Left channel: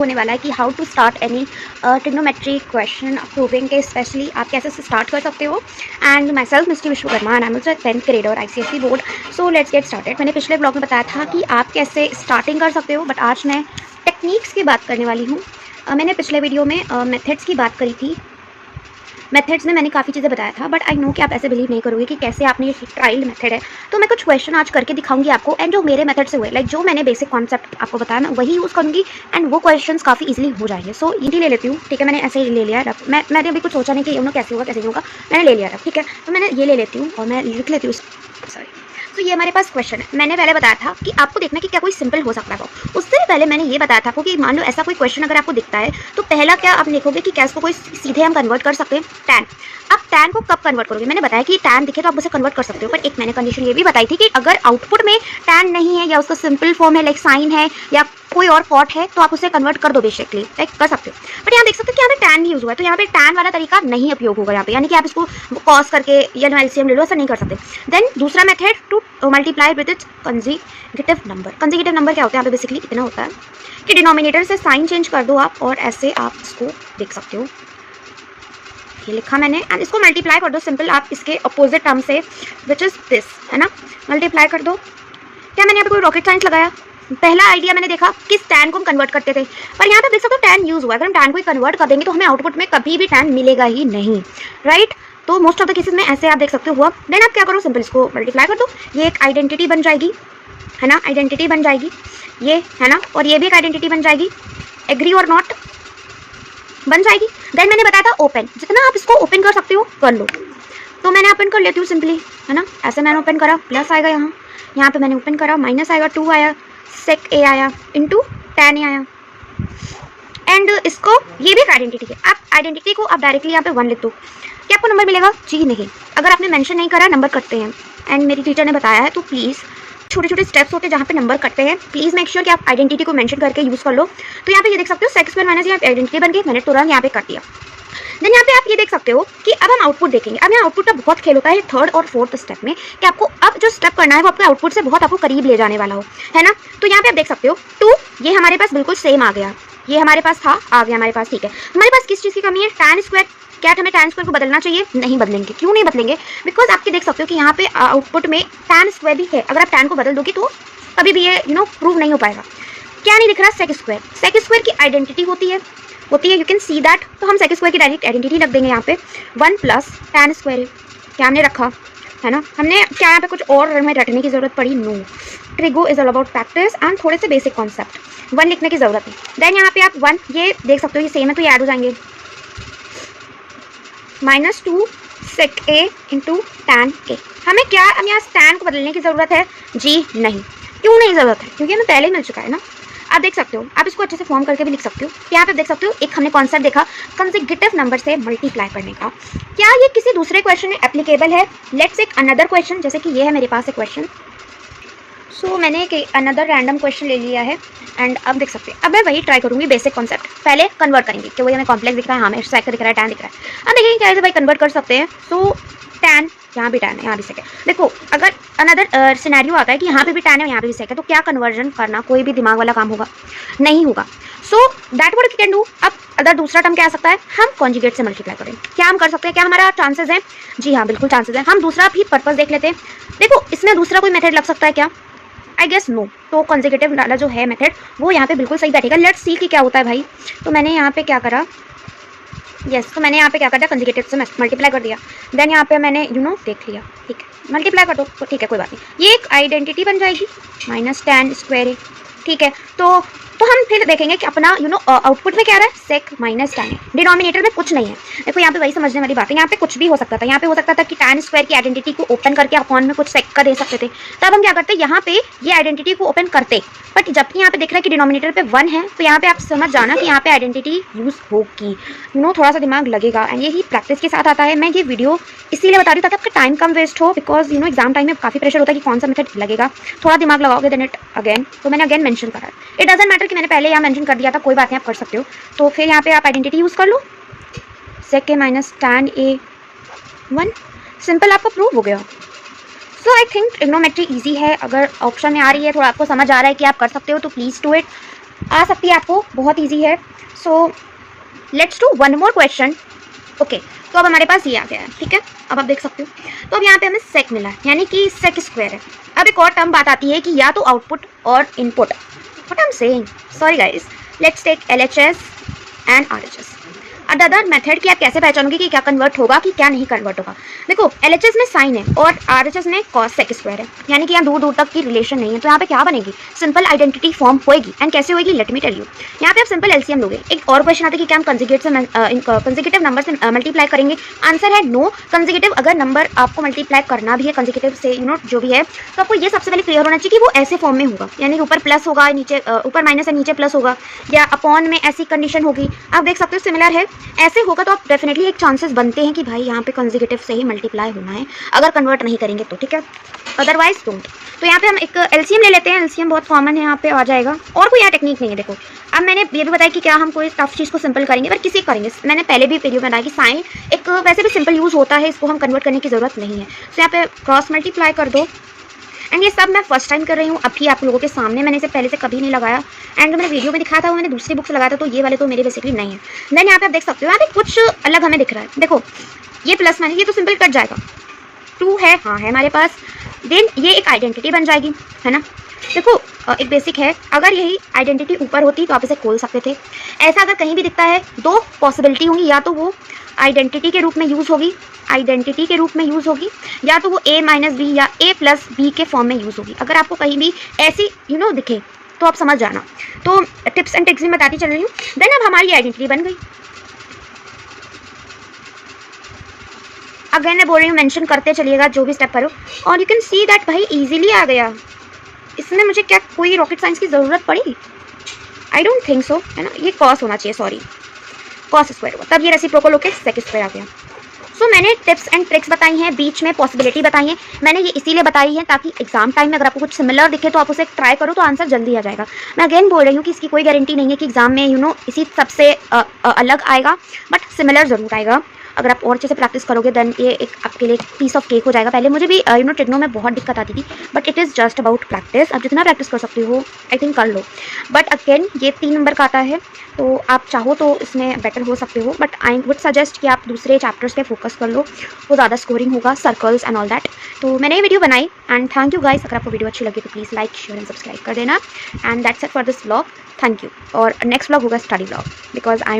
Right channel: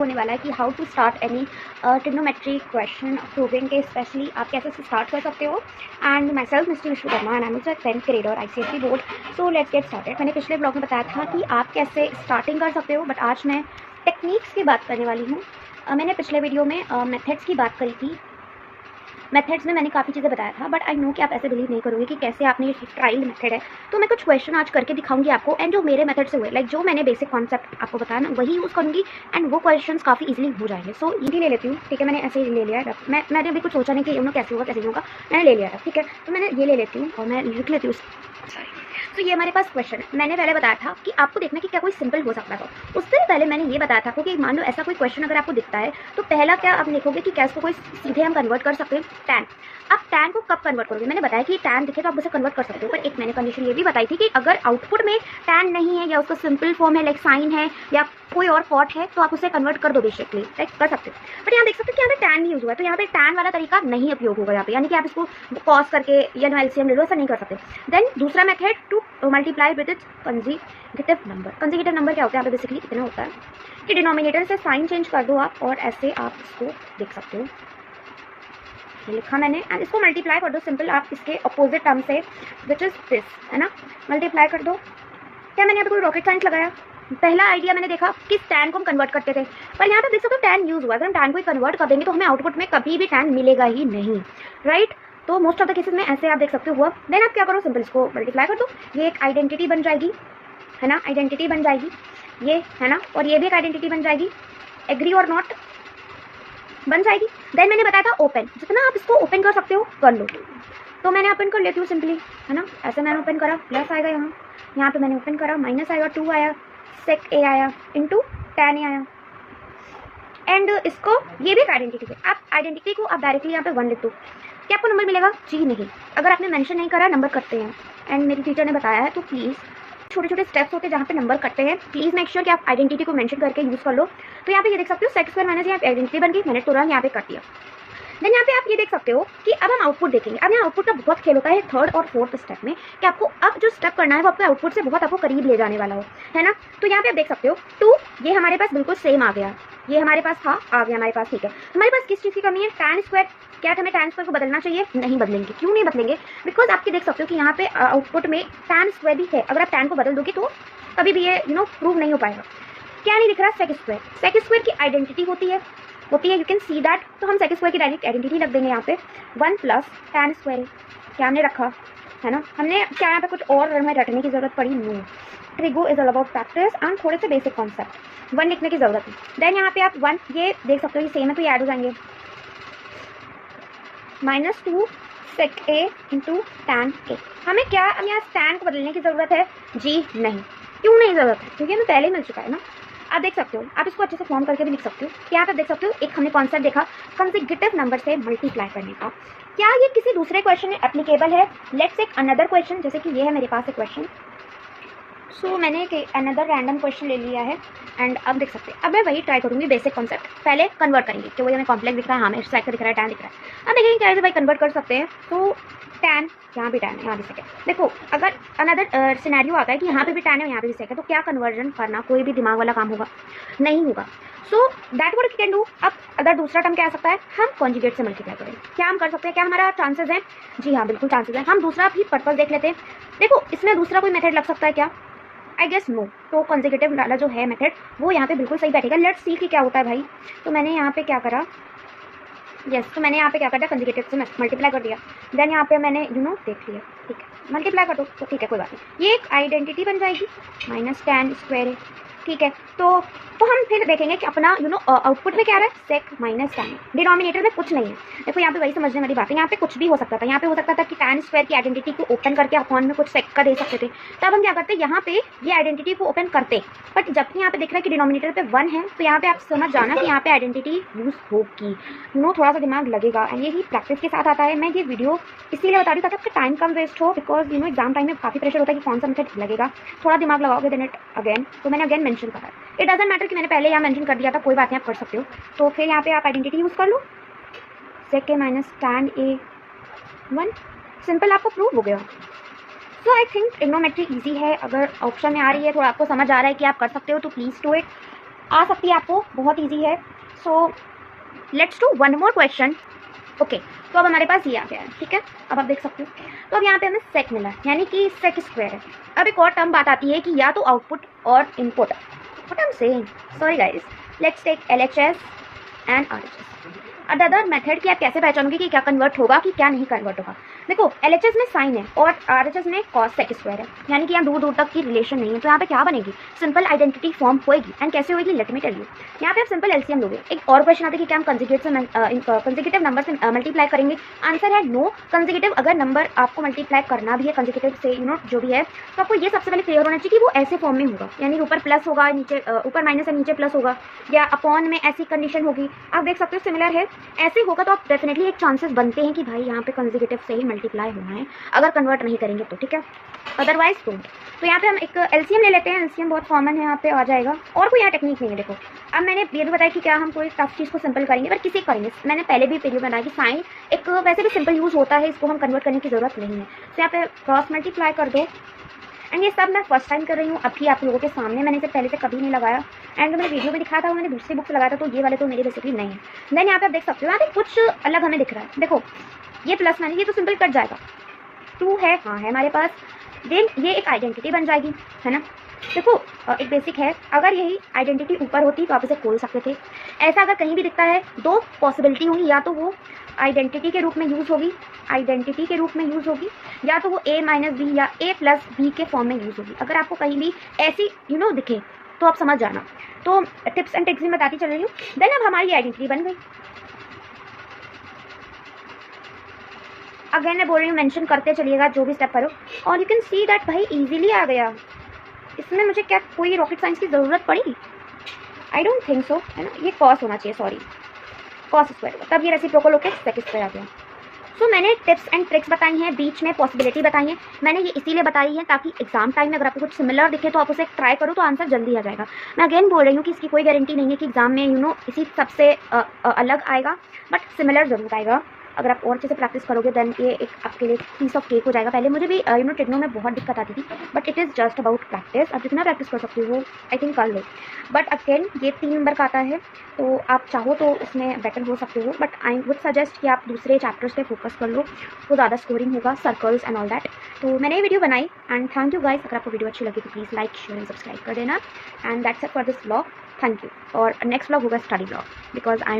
होने वाला है कि how to start any trigonometry question proving के स्पेशली आप कैसे स्टार्ट कर सकते हो। And myself Misti Vishwakarma and I am also 10th grade और ICSE बोर्ड। So let's get started. मैंने पिछले ब्लॉग में बताया था कि आप कैसे स्टार्टिंग कर सकते हो, बट आज मैं टेक्निक्स की बात करने वाली हूँ। मैंने पिछले वीडियो में मेथड्स की बात करी थी। मेथड्स में मैंने काफ़ी चीज़ें बताया था, बट आई नो कि आप ऐसे बिलीव नहीं करोगे कि कैसे आपने ये ट्रायल मेथड है। तो मैं कुछ क्वेश्चन आज करके दिखाऊंगी आपको, एंड जो मेरे मेथड से हुए, लाइक जो मैंने बेसिक कॉन्सेप्ट आपको बताया मैं वही यूज़ करूँगी, एंड वो क्वेश्चंस काफ़ी इजीली हो जाएंगे। सो ये ले लेती हूँ, ठीक है। मैंने ऐसे ही ले लिया है, मैंने अभी कुछ सोचा नहीं कि कैसे होगा कैसे नहीं होगा, मैंने ले लिया था, ठीक है। तो मैंने ये ले लेती हूँ और मैं लिख लेती हूँ, सॉरी। तो ये हमारे पास क्वेश्चन है। मैंने पहले बताया था कि आपको देखना कि क्या कोई सिंपल हो सकता है। उससे भी पहले मैंने ये बताया था आपको कि मान लो ऐसा कोई क्वेश्चन अगर आपको दिखता है तो पहला क्या आप लिखोगे कि क्या इसको कोई सीधे हम कन्वर्ट कर सकते हैं टैन। आप टैन को कब कन्वर्ट करोगे? मैंने बताया कि टैन दिखे तो आप उसे कन्वर्ट कर सकते हो, पर एक मैंने कंडीशन ये भी बताई थी कि अगर आउटपुट में टैन नहीं है या उसका सिंपल फॉर्म है, लाइक साइन है या कोई और कॉट है, तो आप उसे कन्वर्ट कर दो, बेसिकली लाइक कर सकते हो। बट यहाँ देख सकते हो कि यहाँ पे टैन नहीं यूज हुआ है, तो यहाँ पे टैन वाला तरीका नहीं उपयोग होगा यहाँ पे, यानी कि आप इसको कॉस करके या LCM ले लो, ऐसा नहीं कर सकते। देन दूसरा method to multiply with its consecutive number. Consecutive number क्या होता है यहाँ पे? बेसिकली इतना होता है कि डिनोमिनेटर से साइन चेंज कर दो आप, और ऐसे आप इसको देख सकते हो, ये लिखा मैंने, एंड इसको मल्टीप्लाई कर दो सिंपल आप इसके अपोजिट टर्म से, विच इज दिस, है ना। मल्टीप्लाई कर दो। क्या मैंने यहाँ पे कोई रॉकेट साइंस लगाया? पहला आइडिया मैंने देखा कि टैन को हम कन्वर्ट करते थे, पर यहाँ पे देख सकते हो टैन यूज हुआ है। अगर हम टैन को कन्वर्ट कर देंगे तो हमें आउटपुट में कभी भी टैन मिलेगा ही नहीं, राइट। तो मोस्ट ऑफ द केसेस में ऐसे आप देख सकते हो हुआ। देन आप क्या करो, सिंपल इसको मल्टीप्लाई कर दो, ये एक आइडेंटिटी बन जाएगी, है ना, आइडेंटिटी बन जाएगी ये, है ना, और ये भी एक आइडेंटिटी बन जाएगी, एग्री और नॉट बन जाएगी। देन मैंने बताया था ओपन, जितना आप इसको ओपन कर सकते हो कर लो। तो मैंने ओपन कर लेती हूँ सिंपली, है ना, ऐसे मैंने ओपन करा, प्लस आएगा यहाँ पे मैंने ओपन करा, माइनस आएगा, 2 आया, सेक ए आया, इंटू टैन ए आया, एंड इसको ये भी एक आइडेंटिटी है। आप आइडेंटिटी को आप डायरेक्टली यहाँ पे 1 लिख दो, क्या आपको नंबर मिलेगा? जी नहीं। अगर आपने मेंशन नहीं करा नंबर कटते हैं, एंड मेरी टीचर ने बताया है, तो प्लीज़ छोटे छोटे स्टेप्स होते हैं जहाँ पे नंबर कटते हैं, प्लीज़ मेक श्योर कि आप आइडेंटिटी को मेंशन करके यूज़ कर लो। तो यहाँ पे ये देख सकते हो सेक स्क्वायर माइनस, यहाँ आइडेंटिटी बन गई, मैंने तुरंत यहाँ पे कर दिया। देन यहाँ पे आप ये देख सकते हो कि अब हम आउटपुट देखेंगे। अब यहाँ आउटपुट का बहुत खेल होता है थर्ड और फोर्थ स्टेप में, कि आपको अब जो स्टेप करना है वो आपके आउटपुट से बहुत आपको करीब ले जाने वाला हो, है ना। तो यहाँ पे आप देख सकते हो 2, ये हमारे पास बिल्कुल सेम आ गया, ये हमारे पास था, आ गया हमारे पास, ठीक है। हमारे पास किस चीज़ की कमी है? Tan square. क्या हमें टैन स्क्वायर को बदलना चाहिए? नहीं बदलेंगे। क्यों नहीं बदलेंगे? बिकॉज आपके देख सकते हो कि यहाँ पे आउटपुट में टैन स्क्वायर भी है। अगर आप टैन को बदल दोगे तो कभी भी ये प्रूव नहीं हो पाएगा। क्या नहीं दिख रहा? Sec square. सेक स्क्वायर की आइडेंटिटी होती है, यू कैन सी दैट। तो हम सेक स्क्वायर की डायरेक्ट आइडेंटिटी रख देंगे यहाँ पे, 1 प्लस टैन स्क्वायर है। क्या हमने रखा, है ना, हमने क्या यहाँ पे कुछ और में रटने की जरूरत पड़ी? No. Trigo is all about practice and थोड़े से बेसिक कॉन्सेप्ट, 1 लिखने की जरूरत है। देन यहाँ पे आप 1, ये देख सकते हो ये सेम है तो ये ऐड हो जाएंगे, -2 सेक ए इंटू टैन ए। हमें क्या अब यहाँ टैन को बदलने की ज़रूरत है? जी नहीं। क्यों नहीं ज़रूरत है? क्योंकि हमें पहले ही मिल चुका है ना। आप देख सकते हो, आप इसको अच्छे से फॉर्म करके भी लिख सकते हो। यहाँ पे देख सकते हो एक हमने कॉन्सेप्ट देखा कंसेक्यूटिव नंबर से मल्टीप्लाई करने का। क्या ये किसी दूसरे क्वेश्चन में एप्लीकेबल है? लेट्स टेक अनदर क्वेश्चन, जैसे कि ये है मेरे पास एक क्वेश्चन। सो मैंने एक अनदर रैंडम क्वेश्चन ले लिया है, एंड अब देख सकते हैं, अब मैं वही ट्राई करूँगी बेसिक कॉन्सेप्ट। पहले कन्वर्ट करेंगे कि वही हमें कॉम्प्लेक्स दिख रहा है, हमें सेक दिख रहा है, टैन दिख रहा है। अब देखिए कैसे भाई कन्वर्ट कर सकते हैं। सो टैन, यहाँ भी टैन है, यहाँ भी सेक है। देखो अगर अनदर सिनेरियो आता है कि यहाँ पे भी टैन है, यहाँ पे भी सेक है, तो क्या कन्वर्जन करना कोई भी दिमाग वाला काम होगा? नहीं होगा। So that what we can do. अब अगर दूसरा टर्म क्या आ सकता है? हम कॉन्जुगेट से मल्टीप्लाई करें। क्या हम कर सकते हैं? क्या हमारा चांसेस है? जी हाँ, बिल्कुल चांसेस है। हम दूसरा भी पर्पस देख लेते हैं। देखो इसमें दूसरा कोई मेथड लग सकता है क्या? I guess no. तो कंसेक्यूटिव वाला जो है मेथड वो यहाँ पे बिल्कुल सही बैठेगा। लेट्स सी कि क्या होता है भाई। तो मैंने यहाँ पे क्या करा, तो मैंने यहाँ पे क्या कर दिया, कंसेक्यूटिव से मल्टीप्लाई कर दिया। देन यहाँ पे मैंने देख लिया, ठीक है, मल्टीप्लाई कर दो तो ठीक है, कोई बात नहीं। ये एक आइडेंटिटी बन जाएगी, माइनस टैन स्क्वायर है, ठीक है। तो हम फिर देखेंगे कि अपना आउटपुट में क्या आ रहा है, सेक माइनस टैन है, डिनोमिनेटर में कुछ नहीं है। देखो यहाँ पे वही समझने वाली बात है, यहाँ पे कुछ भी हो सकता था। यहाँ पे हो सकता था कि टैन स्क्वायर की आइडेंटिटी को ओपन करके अपॉन में कुछ सेक का दे सकते थे, तब हम क्या करते, यहाँ पे ये आइडेंटिटी को ओपन करते। बट जबकि यहाँ पे दिख रहा है कि डिनोमिनेटर पे 1 है, तो यहाँ पे आप समझ जाना कि यहाँ पे आइडेंटिटी यूज होगी। थोड़ा सा दिमाग लगेगा, एंड यही प्रैक्टिस के साथ आता है। मैं ये वीडियो इसीलिए बता रही हूँ ताकि आपका टाइम कम वेस्ट हो, बिकॉज एग्जाम टाइम में काफ़ी प्रेशर होता है कि कौन सा मेथड लगेगा। थोड़ा दिमाग लगाओगे देन इट अगेन। तो मैंने अगेन मेंशन करा है, इट डजंट मैटर कि मैंने पहले यहाँ मेंशन कर दिया था, कोई बात नहीं, आप कर सकते हो। तो फिर यहाँ पे आप आइडेंटिटी यूज़ कर लो, सेक ए माइनस टैन ए 1, सिंपल, आपका प्रूव हो गया। सो आई थिंक ट्रिग्नोमेट्री ईजी है। अगर ऑप्शन में आ रही है, थोड़ा आपको समझ आ रहा है कि आप कर सकते हो, तो प्लीज़ डू इट। आ सकती है आपको, बहुत ईजी है। So let's do one more question. Okay, तो अब हमारे पास ये आ गया है, ठीक है। अब आप देख सकते हो, तो अब यहाँ पे हमें सेक मिला है, यानी कि सेक स्क्वायर है। अब एक और टर्म बात आती है कि या तो आउटपुट और input. What I am saying, sorry guys, let's take LHS and RHS. Other method कि आप कैसे पहचानोगे कि क्या कन्वर्ट होगा कि क्या नहीं कन्वर्ट होगा। देखो, एलएचएस में साइन है और आरएचएस में कॉस सेक स्क्वायर है, यानी कि यहाँ दूर दूर तक की रिलेशन नहीं है। तो यहाँ पे क्या बनेगी, सिंपल आइडेंटिटी फॉर्म होगी। एंड कैसे होगी, लेट मी टेल यू। यहाँ पे आप सिंपल एलसीएम लोगे। एक और क्वेश्चन आता है कि क्या हम कंसेक्यूटिव नंबर से मल्टीप्लाई करेंगे। आंसर है नो। कंसेक्यूटिव अगर नंबर आपको मल्टीप्लाई करना भी है कंसेक्यूटिव से, जो भी है, तो आपको ये सबसे पहले क्लियर होना चाहिए कि वो ऐसे फॉर्म में होगा, यानी ऊपर प्लस होगा, नीचे ऊपर माइनस है, नीचे प्लस होगा, या अपॉन में ऐसी कंडीशन होगी। आप देख सकते हो सिमिलर है, ऐसे होगा तो आप डेफिनेटली एक चांसेस बनते हैं कि भाई यहाँ पे कंसेक्यूटिव से ही मल्टीप्लाई होना है, अगर कन्वर्ट नहीं करेंगे तो, ठीक है, अदरवाइज डोंट। तो यहाँ पे हम एक एलसीएम ले लेते हैं। एलसीएम बहुत कॉमन है, यहाँ पे आ जाएगा, और कोई यहाँ टेक्निक नहीं है। देखो, अब मैंने ये भी बताया कि क्या हम कोई टफ चीज़ को सिंपल करेंगे, पर किसी करेंगे। मैंने पहले भी वीडियो में बताया कि साइन एक वैसे भी सिंपल यूज़ होता है, इसको हम कन्वर्ट करने की ज़रूरत नहीं है। तो यहाँ पे क्रॉस मल्टीप्लाई कर दो। एंड ये सब मैं फर्स्ट टाइम कर रही हूँ अभी आप लोगों के सामने, मैंने इसे पहले से कभी नहीं लगाया। एंड मैंने वीडियो में दिखाया था वो मैंने दूसरी बुक से लगाया था, तो ये वाले तो मेरे बेसिकली नहीं है। देन यहाँ पे आप देख सकते हो, यहाँ पे कुछ अलग हमें दिख रहा है। देखो, ये प्लस माइनस, ये तो सिंपल कट जाएगा। 2 है, हाँ है हमारे पास। देन ये एक आइडेंटिटी बन जाएगी, है ना। देखो, एक बेसिक है, अगर यही आइडेंटिटी ऊपर होती तो आप इसे खोल सकते थे। ऐसा अगर कहीं भी दिखता है, दो पॉसिबिलिटी होंगी, या तो वो आइडेंटिटी के रूप में यूज़ होगी, आइडेंटिटी के रूप में यूज़ होगी, या तो वो a माइनस बी या a प्लस बी के फॉर्म में यूज़ होगी। अगर आपको कहीं भी ऐसी दिखे तो आप समझ जाना। तो टिप्स एंड ट्रिक्स भी बताती चल रही हूँ। देन अब हमारी आइडेंटिटी बन गई। अगेन मैं बोल रही हूँ, मेंशन करते चलिएगा जो भी स्टेप करो, और यू कैन सी दैट भाई इजीली आ गया। इसमें मुझे क्या कोई रॉकेट साइंस की ज़रूरत पड़ी? आई डोंट थिंक सो, है ना। ये कॉस होना चाहिए, सॉरी, कॉस स्क्वायर हुआ, तब ये रेसिप्रोकल होकर सेक स्क्वायर आ गया। सो मैंने टिप्स एंड ट्रिक्स बताई हैं, बीच में पॉसिबिलिटी बताई है। मैंने ये इसीलिए बताई है ताकि एग्जाम टाइम में अगर आपको कुछ सिमिलर दिखे तो आप उसे ट्राई करो तो आंसर जल्दी आ जाएगा। मैं अगेन बोल रही हूँ कि इसकी कोई गारंटी नहीं है कि एग्जाम में इसी सबसे अलग आएगा, बट सिमिलर जरूर आएगा। अगर आप और अच्छे से प्रैक्टिस करोगे देन ये एक आपके लिए पीस ऑफ केक हो जाएगा। पहले मुझे भी ट्रिग्नो में बहुत दिक्कत आती थी, but it is just about practice. आप जितना प्रैक्टिस कर सकते हो आई थिंक कर लो। बट अगेन ये 3 नंबर का आता है, तो आप चाहो तो इसमें बेटर हो सकते हो, बट आई वुड सजेस्ट कि आप दूसरे चैप्टर्स पे फोकस कर लो, वो ज़्यादा स्कोरिंग होगा, सर्कल्स एंड ऑल दैट। तो मैंने ये वीडियो बनाई एंड थैंक यू गाइस। अगर आपको वीडियो अच्छी लगी तो please like share and subscribe कर देना। And that's it for this vlog, thank you. और नेक्स्ट व्लॉग होगा स्टडी व्लॉग, बिकॉज आई